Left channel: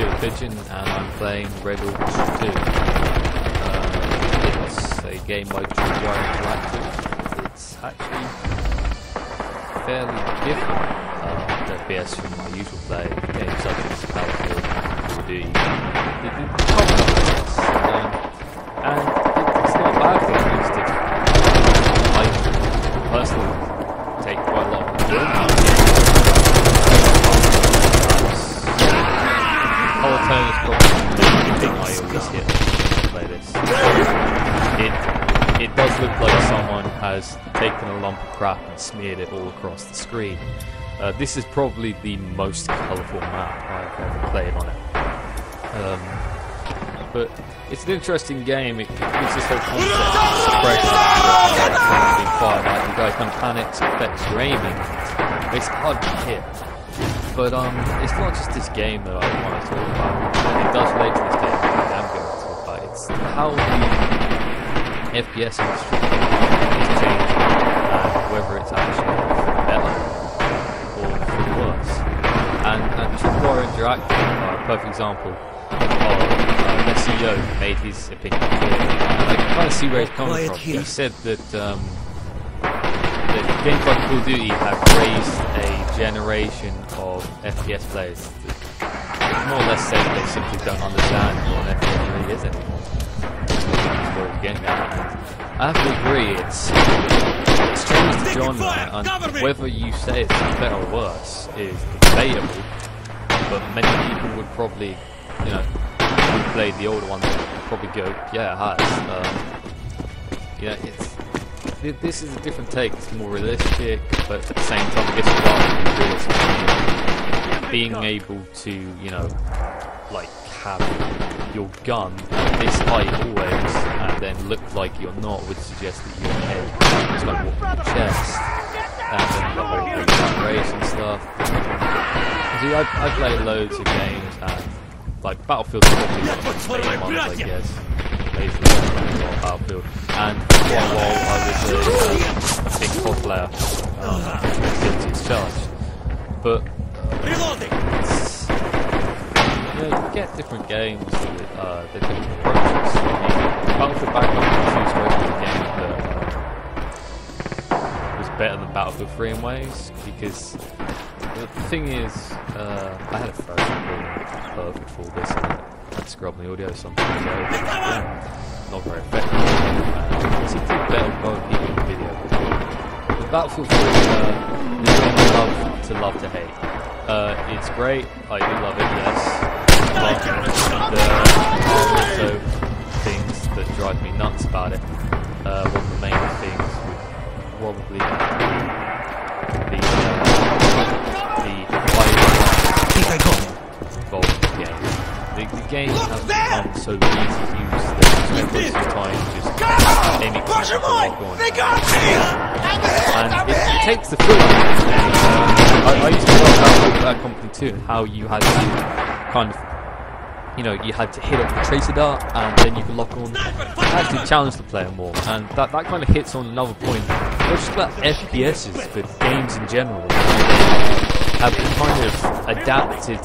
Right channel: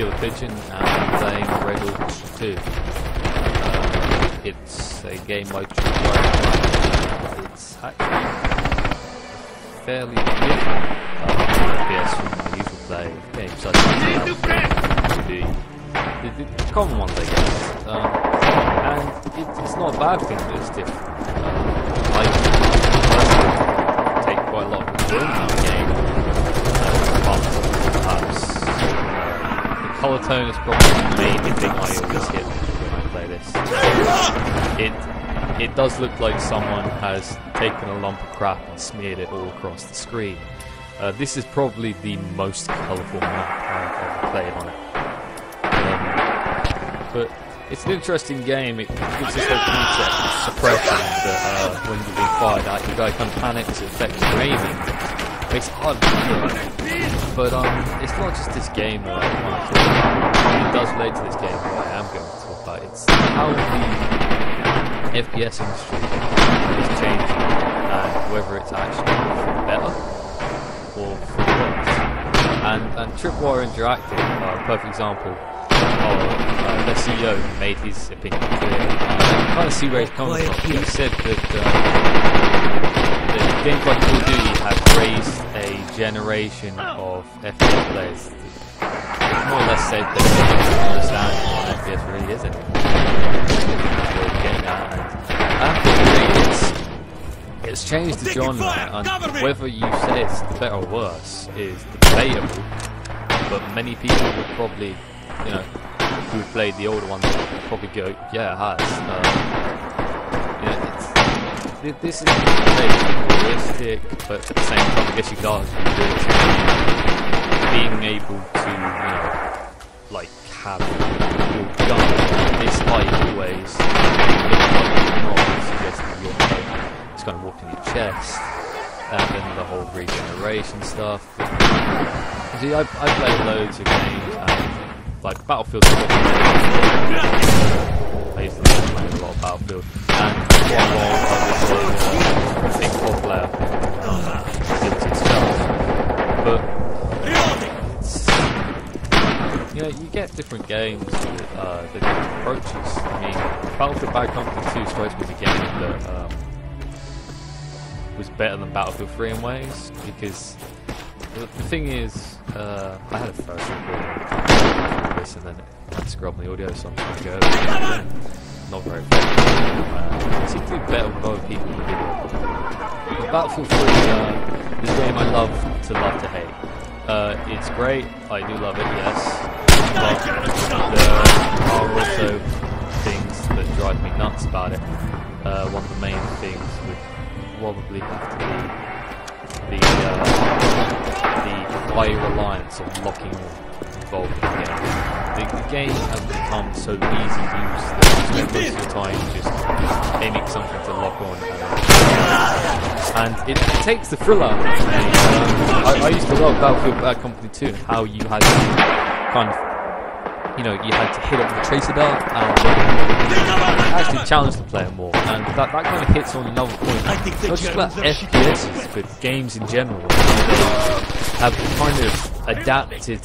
KillerPigeon and I'm playing Red Orchestra 2. It's a game like Tripwire Interactive. It's actually fairly different FPS from the usual play of games such as Battlefield, the common one, I guess. And it's not a bad thing, it's different. I personally take quite a lot of enjoyment out of the game. Color tone is probably the thing I always hit when I play this. It does look like someone has taken a lump of crap and smeared it all across the screen. This is probably the most colourful map I've ever played on it. But it's an interesting game. It gives this whole concept of suppression that when you're being fired at, the guy kind of panics, affects your aiming. Makes it hard to hit. But it's not just this game that I want to talk about. It does relate to this game that I am going to talk about. It's how the FPS industry is changing and whether it's actually for the better or for the worse. And Tripwire Interactive, a perfect example of their CEO made his opinion clear. I can kind of see where he's coming from. He said that games like Call of Duty have raised a generation of FPS players that more or less said they simply don't understand what an FPS really is anymore. That's what we're getting at. And I have to agree, it's changed the genre, and whether you say it's better or worse is debatable, but many people would probably, you know, who played the older ones would probably go, yeah, it has. You know, this is a different take, it's more realistic, but at the same time, I guess you could argue realistic. Being able to, you know, like, have your gun at this height always, and they look like you're not, would suggest that your head is kind of walking your chest, and then the whole regeneration stuff. See, I played loads of games, and, like, Battlefield's probably basically a lot of Battlefield, and while I was a big COD player, guilty as charged, but you know, you get different games with different approaches. I mean, Battlefield Bad Company 2 supposed to be a game that was better than Battlefield 3 in ways, because the thing is, I had a first recording for this, and then I had to scrub the audio sometimes ago. Not very effective. I seem to do better with other people in the video. But Battlefield 3 is a game I love to hate. It's great, I do love it, yes. But there are also things that drive me nuts about it. One of the main things would probably have to be the high reliance involved in the game. The game has become so easy to use that you spend most of your time just aiming something to lock on. And it takes the thrill out of it. I used to love Battlefield Bad Company 2 and how you had to kind of, you know, you had to hit up the tracer dart and then you can lock on. It actually challenged the player more, and that kind of hits on another point. Not just about FPSs, but games in general. Have kind of adapted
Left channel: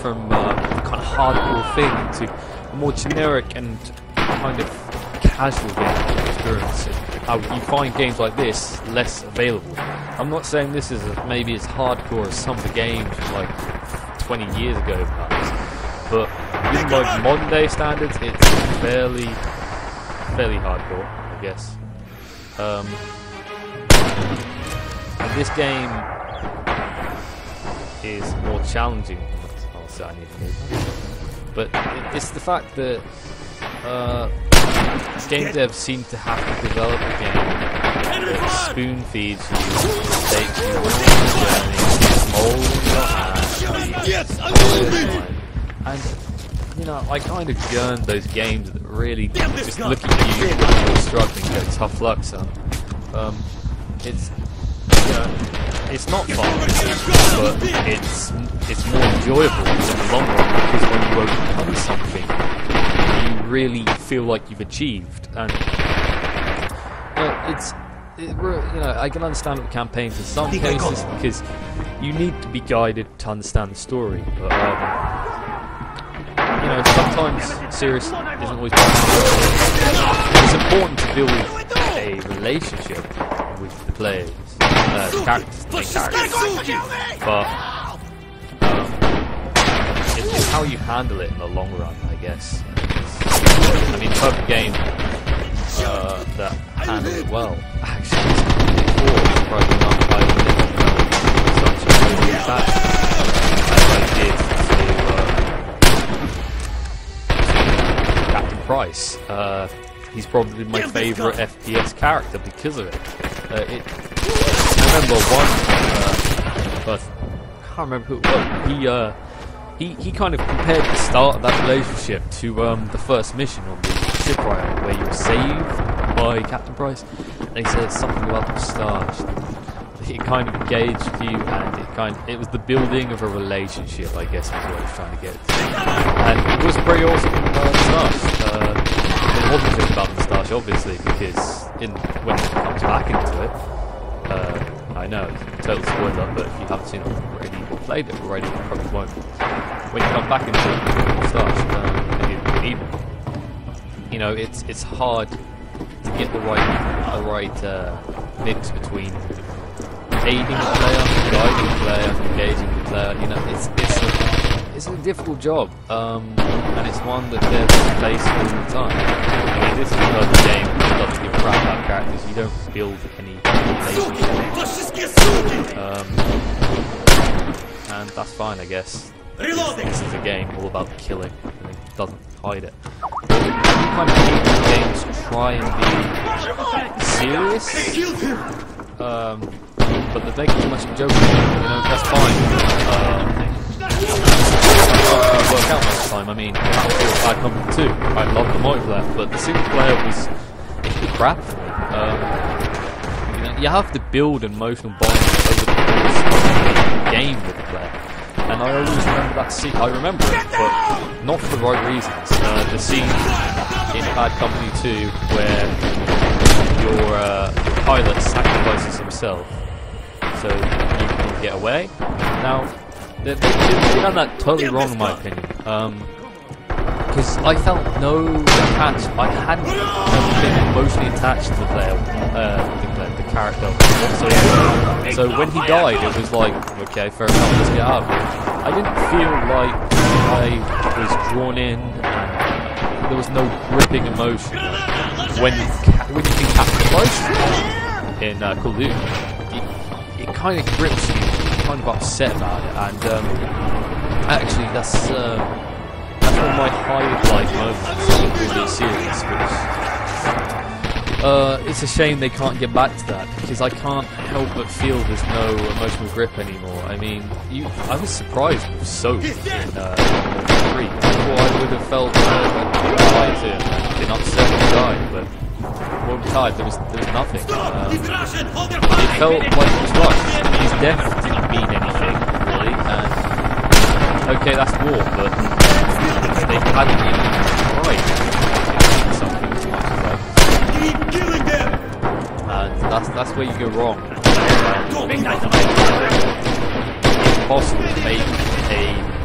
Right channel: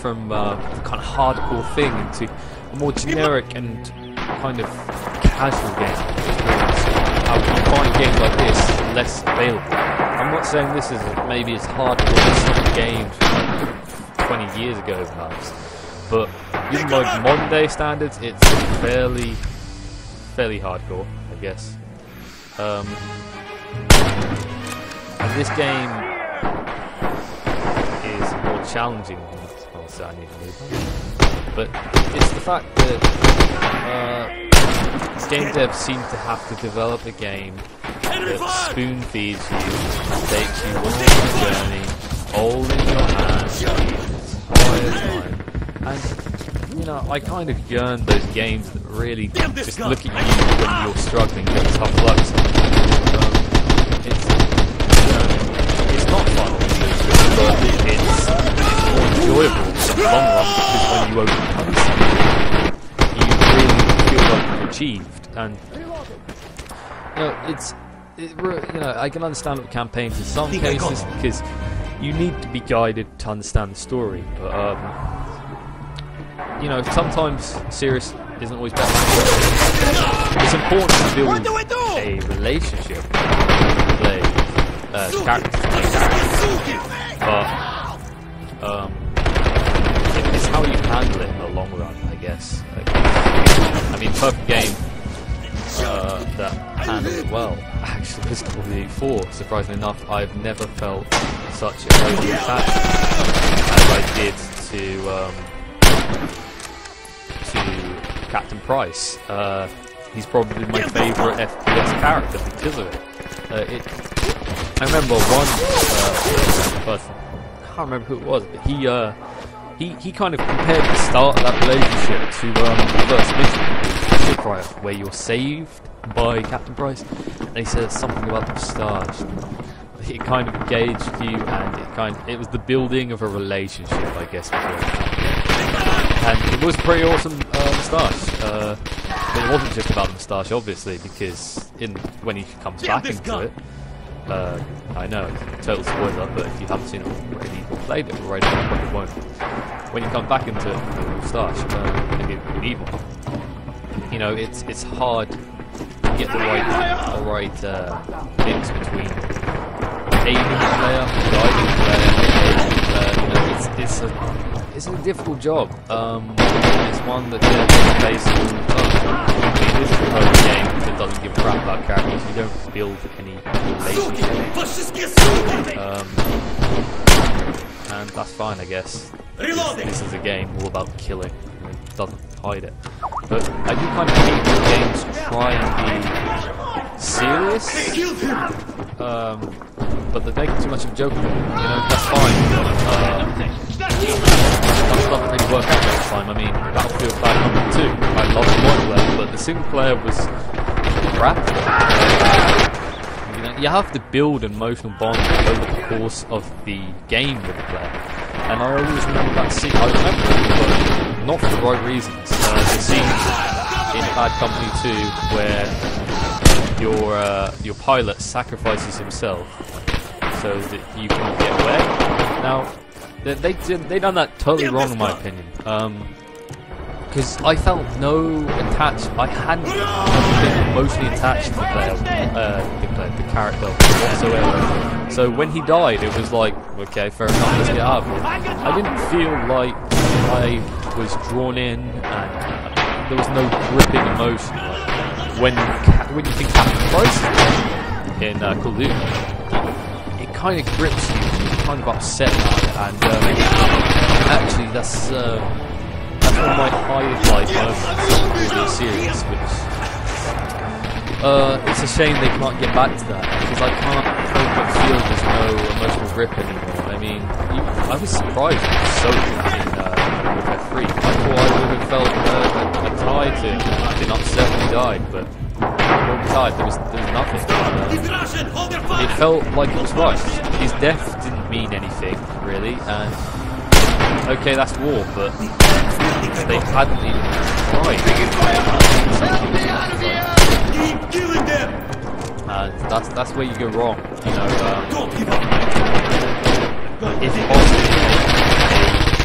from kind of hardcore thing into a more generic and kind of casual game experience. How you find games like this less available. I'm not saying this is maybe as hardcore as some games from like 20 years ago perhaps, but even by modern day standards, it's fairly hardcore, I guess. And this game is more challenging. So I need to move. But it's the fact that game devs seem to have to develop a game that spoon feeds you, takes you on the journey, holding your hand the entire time. And you know, I kind of yearn those games that really just look at you when you're struggling, get tough luck. So it's not fun, but it's more enjoyable in the long run, because when you overcome something, you really feel like you've achieved. And you know, I can understand with campaigns in some cases because you need to be guided to understand the story. But you know, sometimes serious isn't always possible. It's important to build a relationship with players, characters, main characters, but it's how you handle it in the long run, I guess. I mean, perfect game that handled it well. Actually, is completely forward. Surprisingly enough, I've never felt such a close attachment as I did to Captain Price. He's probably my favourite FPS character because of it. I remember one person, I can't remember who it was, but he kind of compared the start of that relationship to the first mission, the shipwreck, where you're saved by Captain Price, and he said something about the moustache. It kind of engaged you, and it was the building of a relationship, I guess, is what I was trying to get. And it was pretty awesome moustache. It wasn't just about the moustache, obviously, because when he comes back into it, I know, total spoiler, but if you haven't seen it already or played it already, you probably won't. When you come back into it, the moustache, maybe evil. You know, it's hard to get the right mix between aiding the player, guiding the player, engaging the player. You know, it's a difficult job, and it's one that devs face all the time. I mean, this is a perfect game that doesn't give a crap about characters. You don't build any relationship, and that's fine, I guess. This is a game all about killing, and it doesn't hide it. But I do kind of hate when games try and be serious, but they're making too much of a joke. You know, that's fine. It's not going to work out most of the time. I mean, Battlefield 502, I love the multiplayer, but the single player was crap. You know, you have to build an emotional bond over the course of the game with the player. And I always remember that scene. I remember it, but not for the right reasons. The scene in Bad Company 2 where your pilot sacrifices himself so that you can all get away. Now, they done that totally wrong in my opinion. Because I felt no attached. I hadn't been emotionally attached to the player, the character whatsoever. So when he died, it was like, okay, fair enough, let's get out of here. I didn't feel like I was drawn in, and there was no gripping emotion. Like when you think Captain Price in Call of Duty, it kind of grips you. You're kind of upset about it, and actually that's one of my highlight moments with the series, which it's a shame they can't get back to that, because I can't help but feel there's no emotional grip anymore. I mean, I was surprised it was so in World War 3. I thought I would have felt been tied to him, been upset when he died, but when we died, there was nothing. It felt like it was rushed. His death didn't mean anything, really, and okay, that's war, but they hadn't even tried something as much as that. Keep killing them! And that's where you go wrong. It's possible to make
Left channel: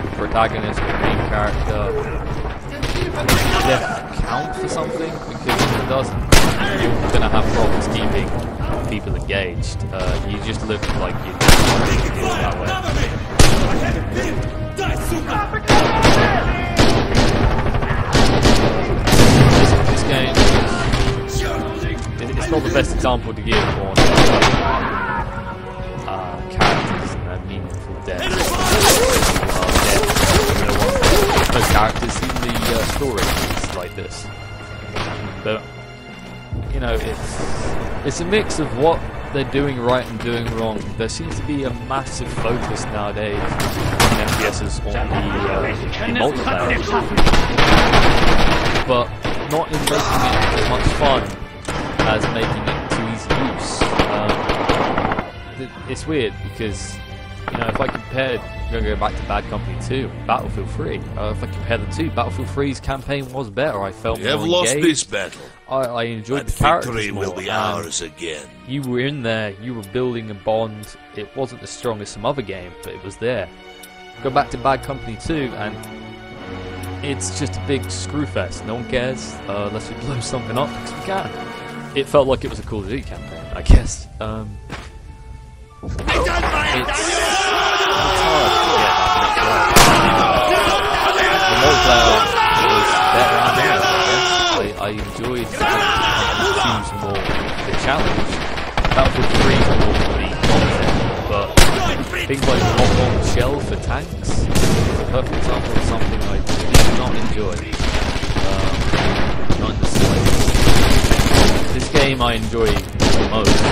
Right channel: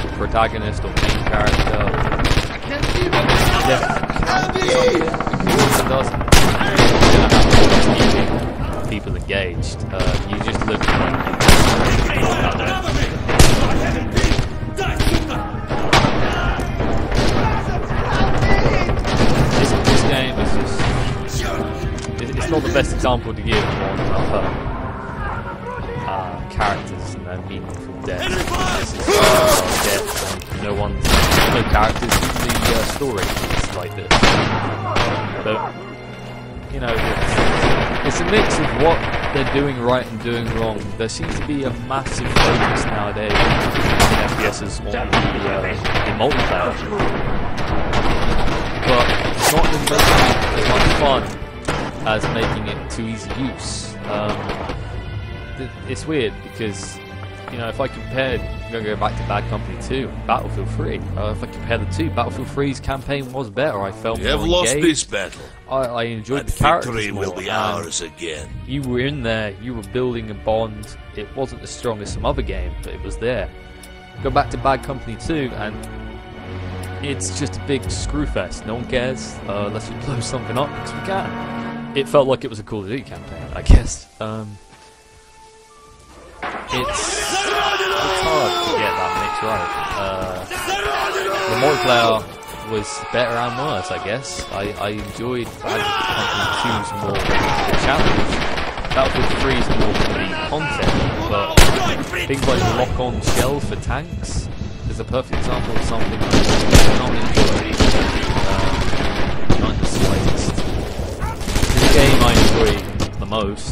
a protagonist or main character death count or something, because if it doesn't, you're going to have problems keeping people engaged. You just look like you're that way. This game it's not the best example to give on characters and their meaningful deaths. No characters in the story is like this. But you know, it's a mix of what they're doing right and doing wrong. There seems to be a massive focus nowadays in FPSs on the multiplayer, but not in making it as much fun as making it too easy use. It's weird because, you know, if I compared, I'm going to go back to Bad Company 2, Battlefield 3. If I compare the two, Battlefield 3's campaign was better. I felt more engaged. You have lost this battle. I enjoyed the characters more. Victory will be ours again. You were in there, you were building a bond. It wasn't as strong as some other game, but it was there. Go back to Bad Company 2 and it's just a big screw fest. No one cares. Let's just blow something up because we can. It felt like it was a Call of Duty campaign, I guess. It's hard to get that mix right. The multiplayer was better on theirs, I guess. I enjoyed having to choose more the challenge. Battlefield 3 is more for the content, but things like lock-on shell for tanks is a perfect example of something I do not enjoy. Not in the slightest. This game I enjoy the most.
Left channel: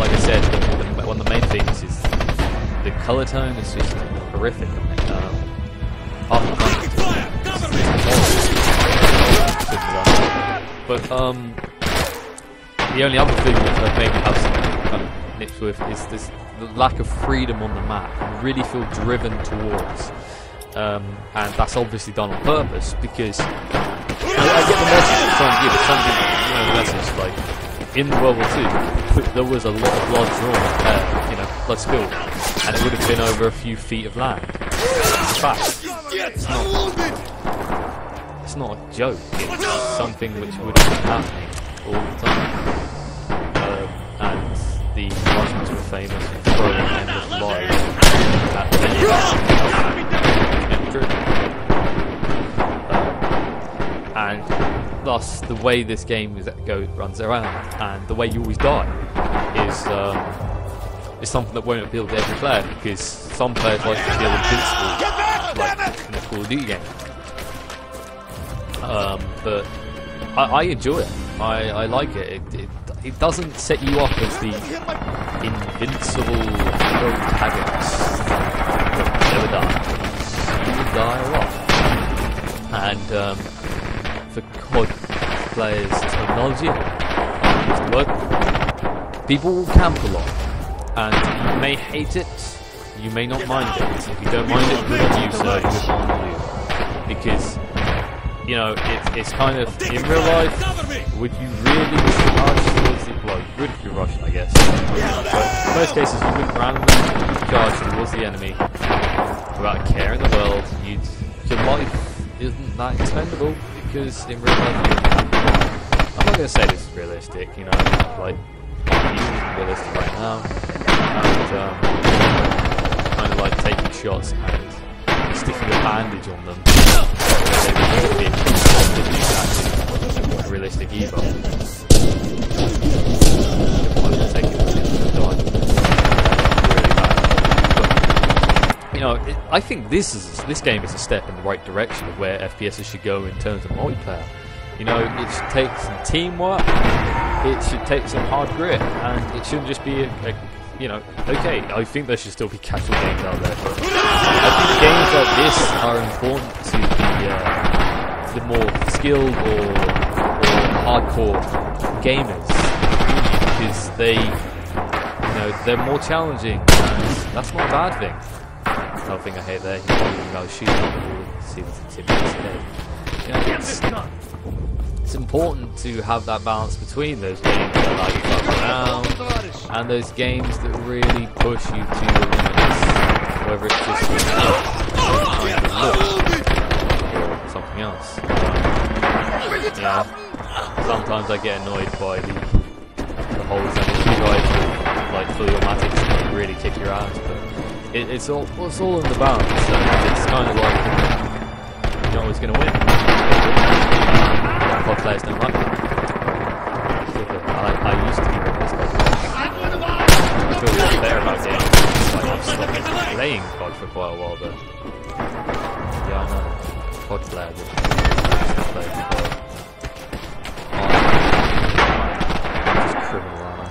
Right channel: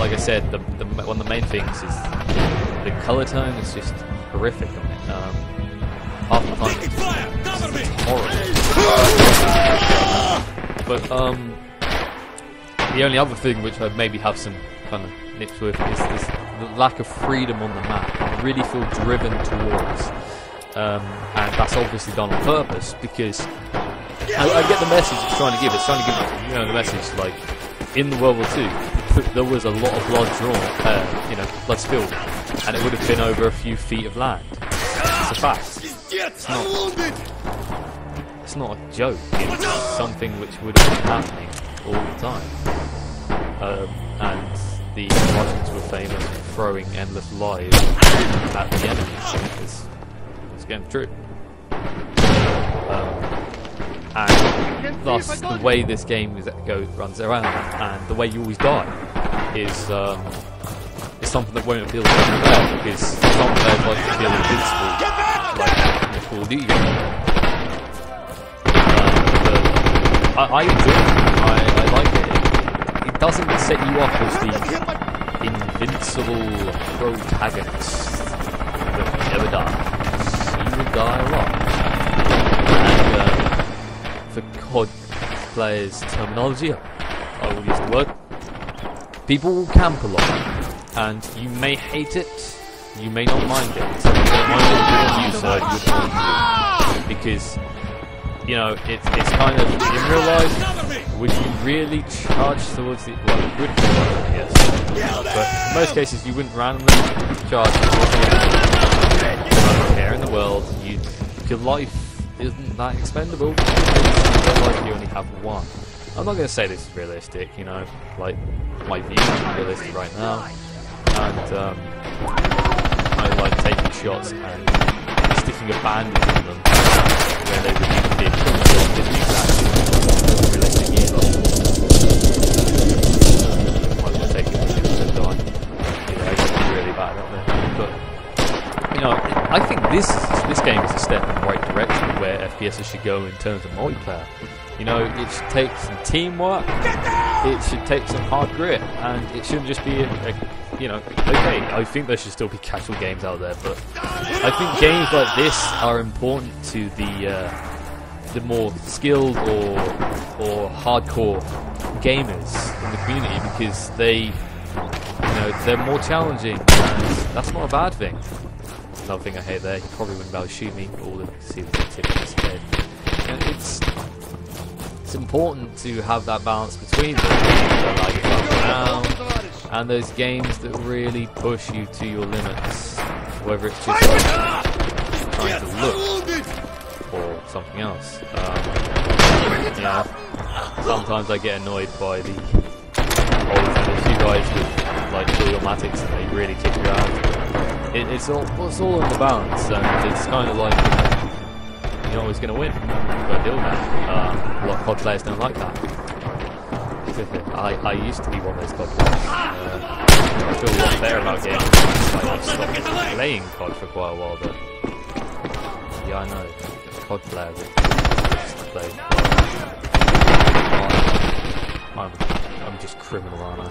Like I said, one of the main things is the colour tone is just horrific. Half the time it's horrible. But the only other thing which I'd maybe have some kind of nips with is the lack of freedom on the map. I really feel driven towards, and that's obviously done on purpose because I get the message it's trying to give. It's trying to give the message like in World War II there was a lot of blood drawn, blood spilled, and it would have been over a few feet of land. It's a fact. It's not a joke. It's something which would have been happening all the time. And the Russians were famous for throwing endless lies at the enemy. It's true. And thus, the way this game runs around, and the way you always die, is something that won't appeal to every player, because some players like to feel invincible, like in the Call of Duty game. But I enjoy it. I like it. It doesn't set you up as the invincible protagonist that never dies. You will die a lot. And for COD players' terminology, I'll use the word, people will camp a lot. And you may hate it, you may not mind it. So if you don't mind it, good on you, sir, good on you. Because it's kind of, in real life, would you really charge towards the, well, you would be Russian, I guess, but in most cases you wouldn't randomly charge towards the enemy without a care in the world. Your life isn't that expendable, because in real life you only have one. I'm not going to say this is realistic, like, I'm using realistic right now, and I like taking shots and sticking a bandage on them where they would be a quick shot isn't exactly realistic either. I will take it with him to die. Really bad. But I think this game is a step in the right direction of where FPSs should go in terms of multiplayer. It should take some teamwork, it should take some hard grit, and it shouldn't just be okay, I think there should still be casual games out there, but I think games like this are important to the more skilled or hardcore gamers in the community, because they're more challenging, and that's not a bad thing. Another thing I hate there, you probably wouldn't be able to shoot people to see the tip of his head. It's important to have that balance between those games that allow you to move around and those games that really push you to your limits, whether it's just trying to look or something else. Sometimes I get annoyed by the holes, and if you guys with like fully automatics and they really kick your ass, but it's all in the balance, and it's kind of like you're not always going to win. A lot of COD players don't like that. I used to be one of those COD players. I feel a lot better about games. I've stopped playing COD for quite a while, but yeah, I know COD players that used to play COD. I'm just criminal, aren't I?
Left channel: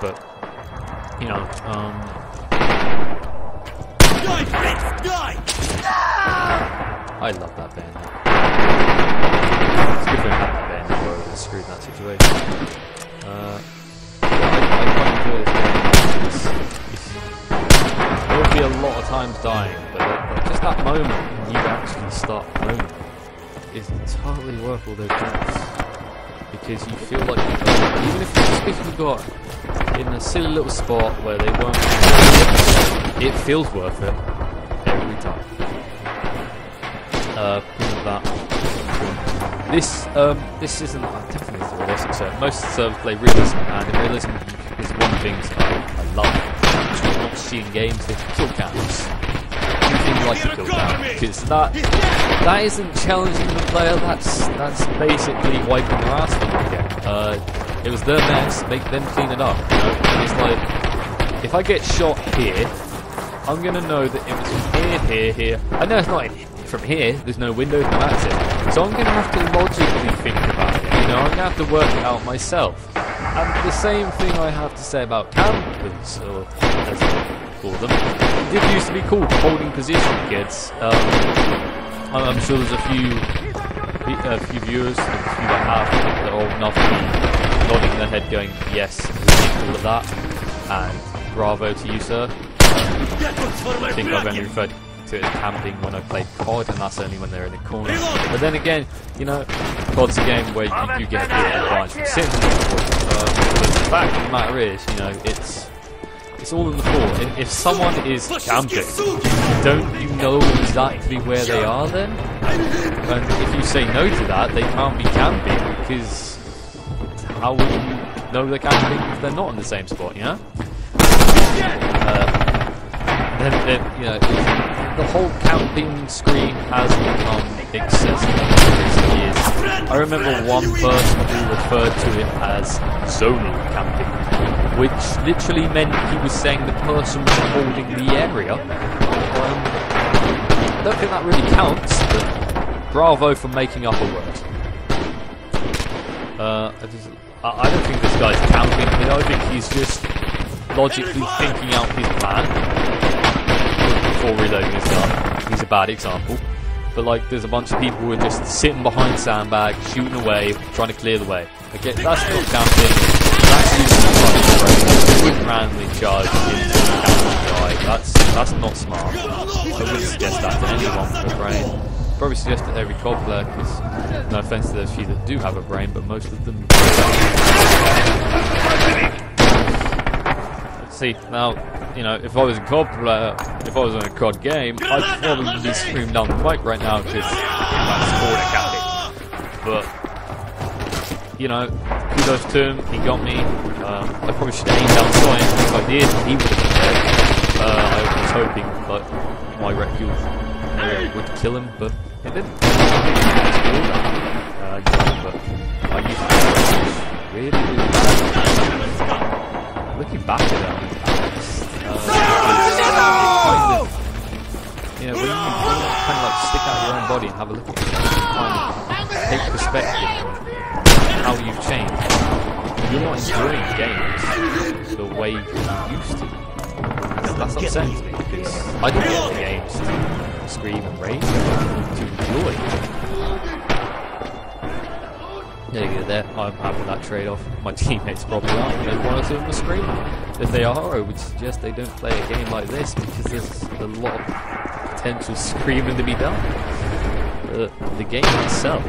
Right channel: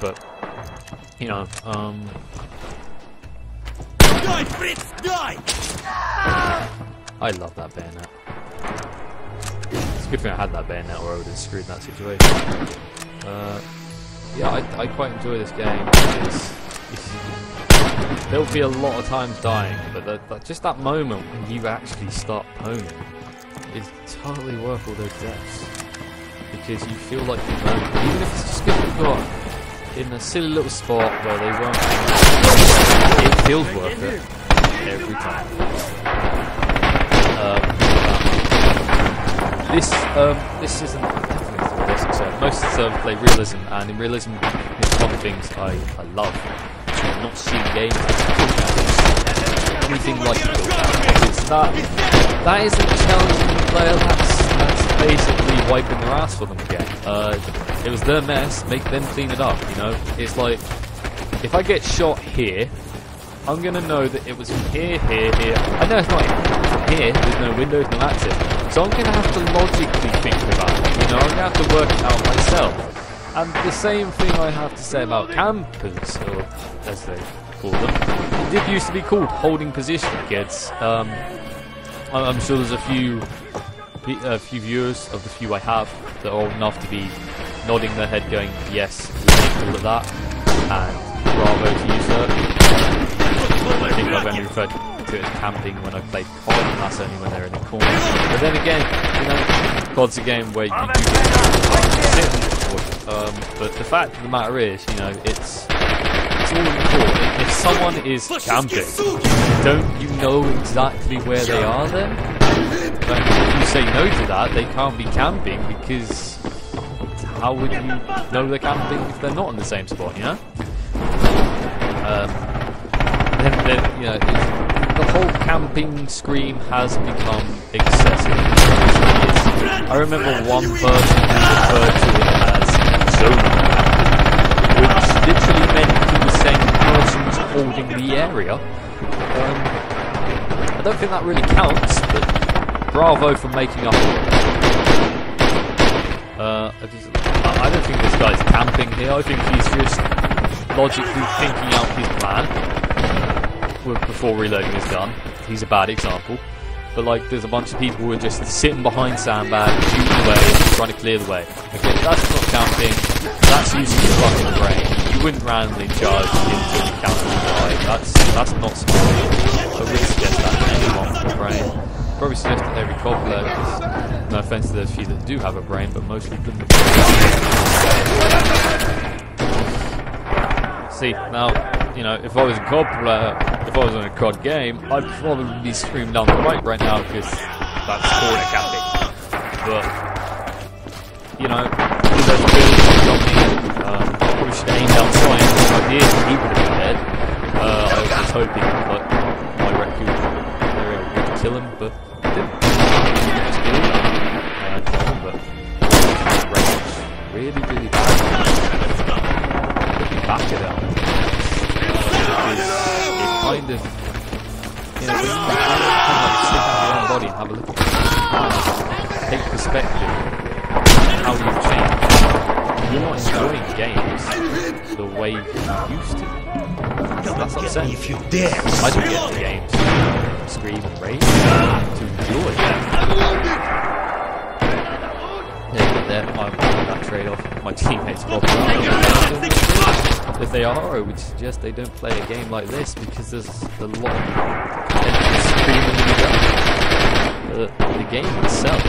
But I love that bayonet. It's a good thing I had that bayonet, or I would have screwed in that situation. I quite enjoy this game because there will be a lot of times dying, but just that moment when you actually start moaning is totally worth all those deaths, because you feel like you've done it, even if it's just because you got in a silly little spot where they won't, it feels worth it every time. This isn't definitely a realistic server. Most of the servers play Realism, and in Realism, it's one of the things I love. Not seeing games with kill counts. Anything like a kill count, because that isn't challenging the player. That's basically wiping their ass for them again. It was their mess. Make them clean it up. You know, it's like if I get shot here, I'm gonna know that it was from here. I know it's not from here. There's no windows, no access. So I'm gonna have to logically think about it. You know, I'm gonna have to work it out myself. And the same thing I have to say about campers, or as they call them. It did used to be called holding position, kids. I'm sure there's a few viewers, of the few I have, that are old enough to be nodding their head going, yes, we did all of that, and bravo to you, sir. I think I've only referred to it as camping when I played COD, and that's only when they're in the corner. But then again, you know, COD's a game where you do get sitting in the corner. But the fact of the matter is, you know, it's all in the court. If someone is camping, don't you know exactly where they are then? And if you say no to that, they can't be camping, because how would you know they're camping if they're not in the same spot, you know? Then you know, the whole camping screen has become excessive in recent years. I remember one person who referred to it as zonal camping, which literally meant he was saying the person was holding the area. I don't think that really counts, but bravo for making up a word. I don't think this guy's camping here. I think he's just logically thinking out his plan before reloading his gun. He's a bad example. But like, there's a bunch of people who are just sitting behind sandbags, shooting away, trying to clear the way. Okay, that's not camping. That's using your fucking brain. You wouldn't randomly charge into the camping guy. That's not smart. I wouldn't suggest that to anyone with a brain. Probably suggest it to every COD player, because no offense to those few that do have a brain, but most of them don't. See, now, you know, if I was a COD player, if I was in a COD game, I'd probably be screaming down the mic right now, because that's corner camping. But, you know, those turns got me. I probably should have aimed down Soin. If I did, he would have been dead. I was hoping that my record area would kill him, but it didn't. But really bad. Looking back at it, because it kind of, you know, when you kind of like stick out your own body and have a look at it, kind of take perspective how you've changed. You're not enjoying games the way you used to. That's upsetting. I don't get the games to scream and rage, to enjoy. There you go, there. I'm having that trade-off. My teammates probably aren't, but they're doing the scream. If they are, I would suggest they don't play a game like this, because there's a lot of potential screaming to be done. The game itself,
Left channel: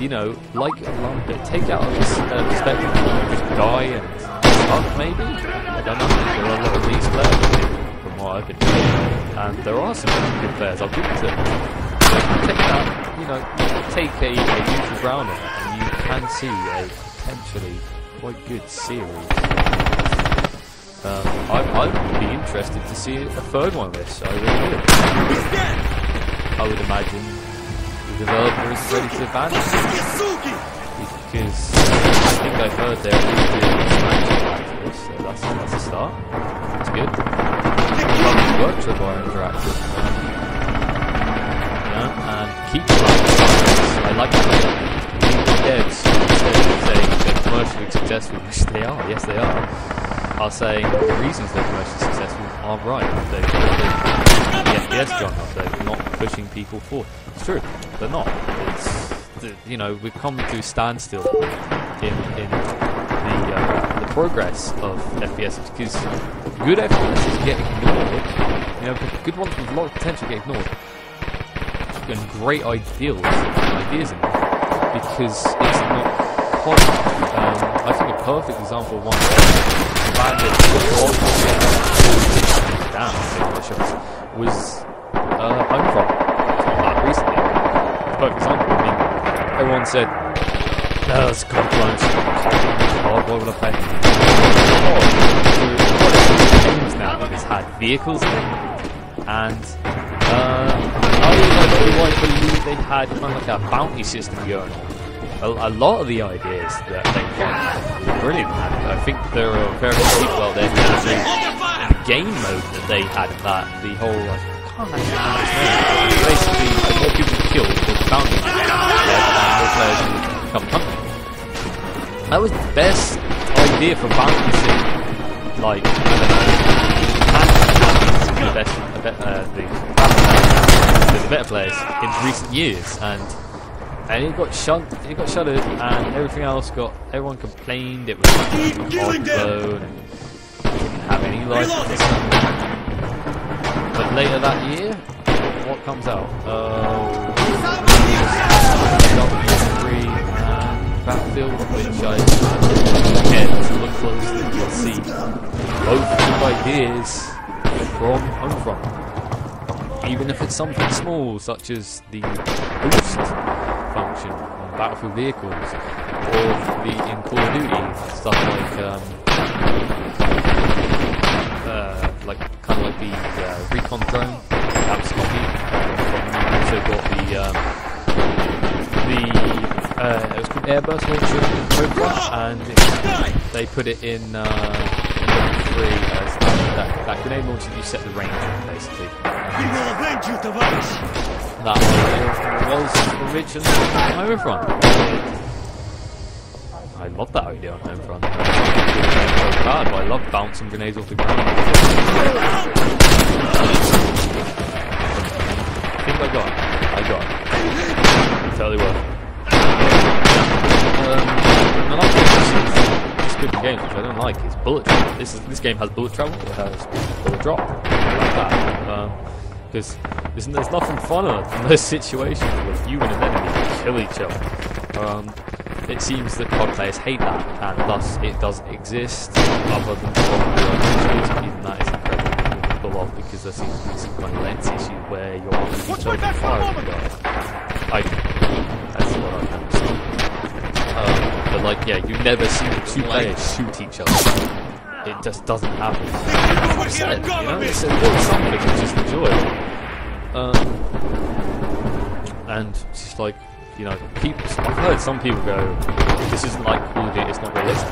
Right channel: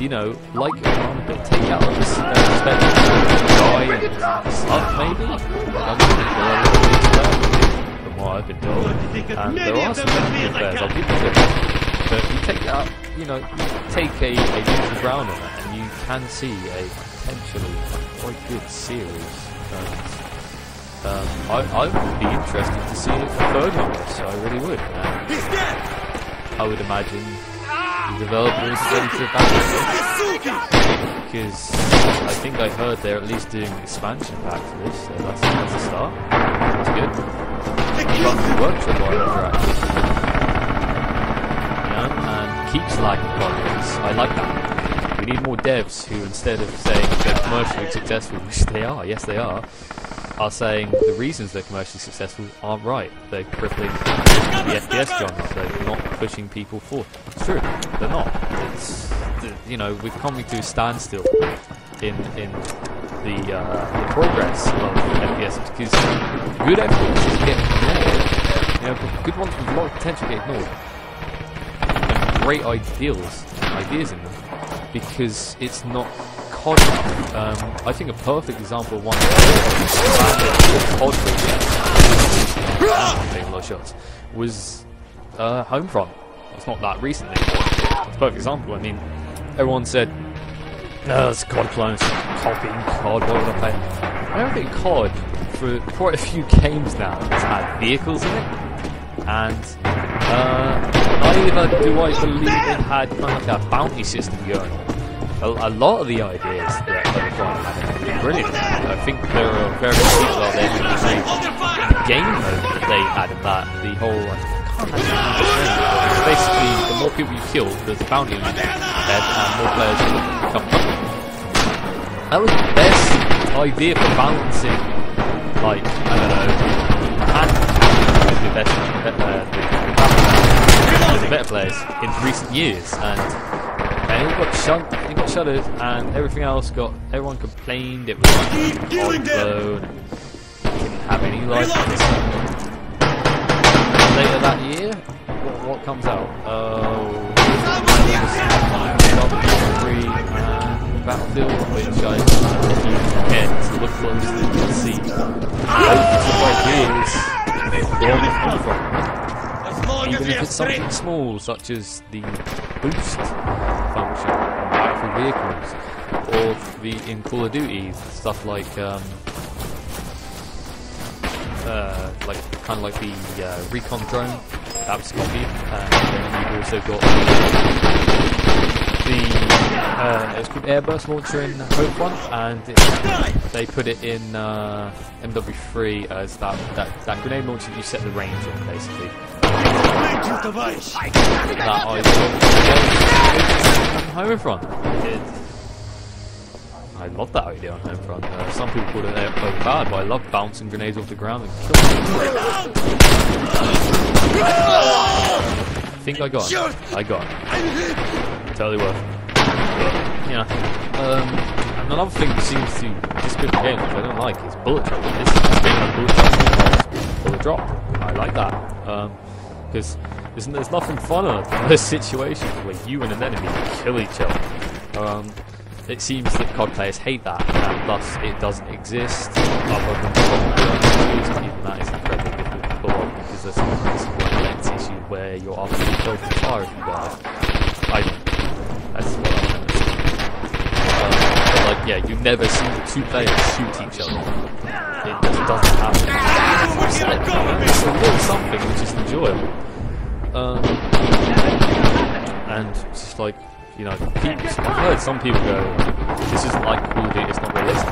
you know, like a little bit, take out of this perspective, die and stuff maybe. Like, I don't think there are a lot of these players from what I've been told, and there are some very good players, I'll give it to them. So if you take that, you know, take a neutral ground on it, and you can see a potentially quite good series. I would be interested to see a third one of this, I really would. I would imagine the developer is ready to abandon it, because I think I've heard they're at least doing an expansion pack for this, so that's a start. That's good. Probably works with Red Orchestra. And keep flagging progress. I like that. We need more devs who, instead of saying they're commercially successful, which they are, yes they are saying the reasons they're commercially successful aren't right. They're crippling the FPS genre. They're not pushing people forward. It's true, they're not. It's, you know, we've come to a standstill in the progress of FPS, because good FPS get ignored. You know, good ones with a lot of potential get ignored. And great ideas in them, because it's not COD. I think a perfect example of one COD was Homefront. it's not that recently. It's a perfect example. I mean, everyone said, no, it's COD clones. COD, why would I play? COD, for quite a few games now, has had vehicles in it, and I believe they had kind of like a bounty system going on. A lot of the ideas that they were trying to have were brilliant. I think there are very few people out there who can see the game mode that they had in that. The whole, I can't actually remember its name, but basically, the more people you kill, the bounty you get, and more players will become hunted. That was the best idea for balancing, like, I don't know, the better players in recent years, and it got shuttered, and everything else everyone complained it was like clone and didn't have any life. Later that year, what comes out? Battlefield, which I get to look closely and see both of ideas from Homefront. Even if it's something small, such as the boost function on Battlefield vehicles, or in Call of Duty stuff like kind of like the recon drone that was copied, and then you've also got it was called Airburst Launcher in Homefront, and they put it in W3 as that grenade launcher. You set the range on, basically. That idea was Homefront. I love that idea on Homefront. Some people call it pro card, but I love bouncing grenades off the ground. I think I got it. Totally worth it. And another thing that seems this good game, which I don't like, is bullet drop. This game has bullet drop, and it has bullet drop. I like that. Because there's nothing funner than those situations where you and an enemy kill each other. It seems that COD players hate that, and thus it doesn't exist other than probably even that is incredibly difficult to pull off, because there's some like lens issue where you're actually choking fire at you guys. That's what I've never seen. But like, yeah, you never see the two players shoot each other. It just doesn't happen. It's a little something which is enjoyable. And it's just like, you know, I've heard some people go, this isn't like Call of Duty, it's not realistic.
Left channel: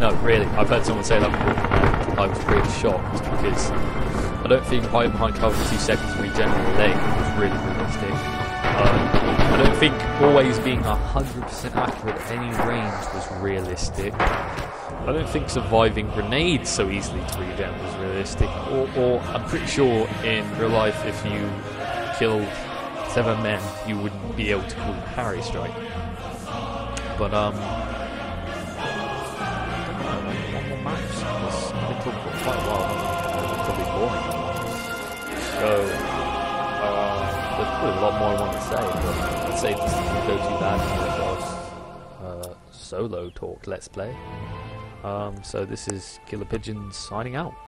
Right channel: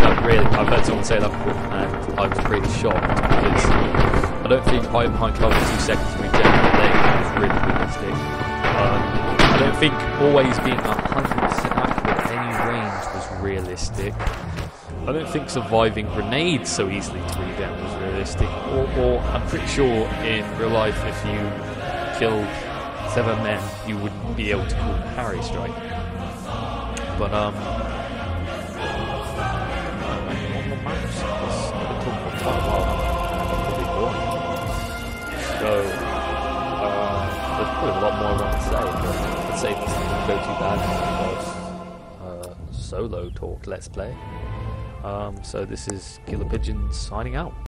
No, really, I've heard someone say that before, and I was pretty shocked, because I don't think hiding behind cover for 2 seconds to regenerate the leg was really realistic. I don't think always being 100% accurate at any range was realistic. I don't think surviving grenades so easily to regen was realistic, or I'm pretty sure in real life if you killed 7 men, you wouldn't be able to call them Harry strike. But I don't know, like one more match. I've been talking for quite a while, haven't I? And I'm probably boring. So there's probably a lot more I want to say, but let's say this doesn't go too bad for God's solo talk. Let's play. So this is KillerPigeon signing out.